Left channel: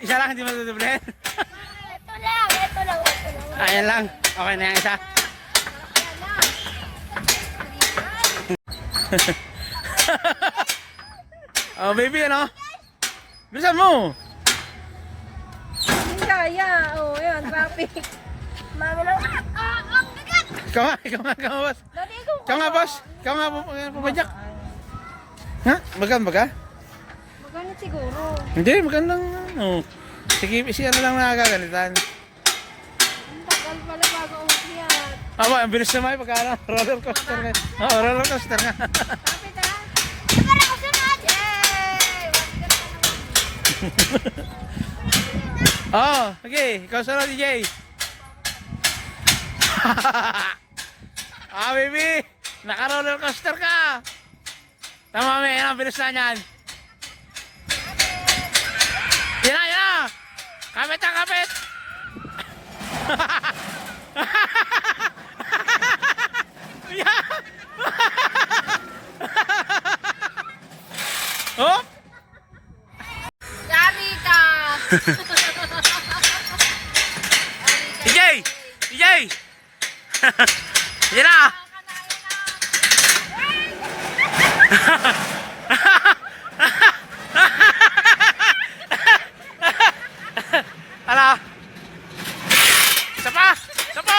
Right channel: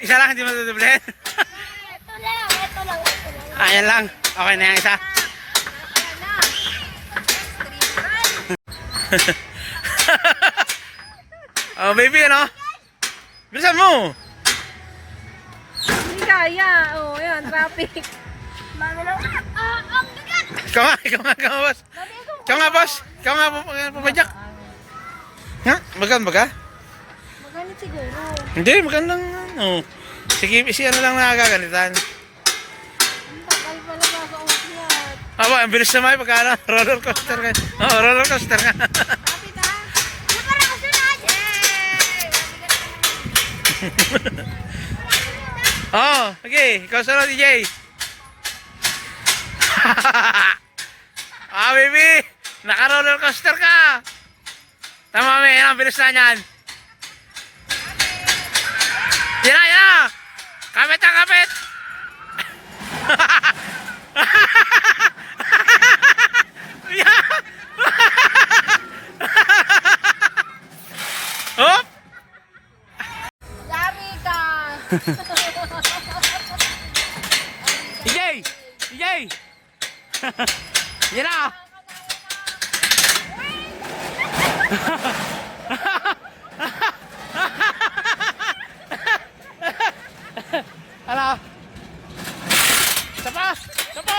Isa lang, hindi matutublen. Ito lang, ito lang, ito lang. Ayan lang. Okay na yung isa. Oh, baby, ano? Bilisan mo. Hindi kaya. Oh, yun, traffic. Mama lang. Ang bigat. Ikaw nga, boss. Ikaw nga, boss. Ikaw nga, pumadyak. Nga, magan ba ka? Maganit siguro. Hindi, magandang, ano. Sige, ano lang nakakagalitan. Ang tagal pala bago umakyat. Aba, ang bilis naman pagka ano, roller coaster ka. Oo, roller coaster nga. Kapit ha? Oh, okay, ikaw sunod, DJ. Ah, baby, naka-roller coaster ka. Tama, may, ang bilis na niyan. Yan na, yan na. Kapit na, kapit. Hop! Dami ka! DJ! DJ! Yan na! Ano? Sapa! Sapa!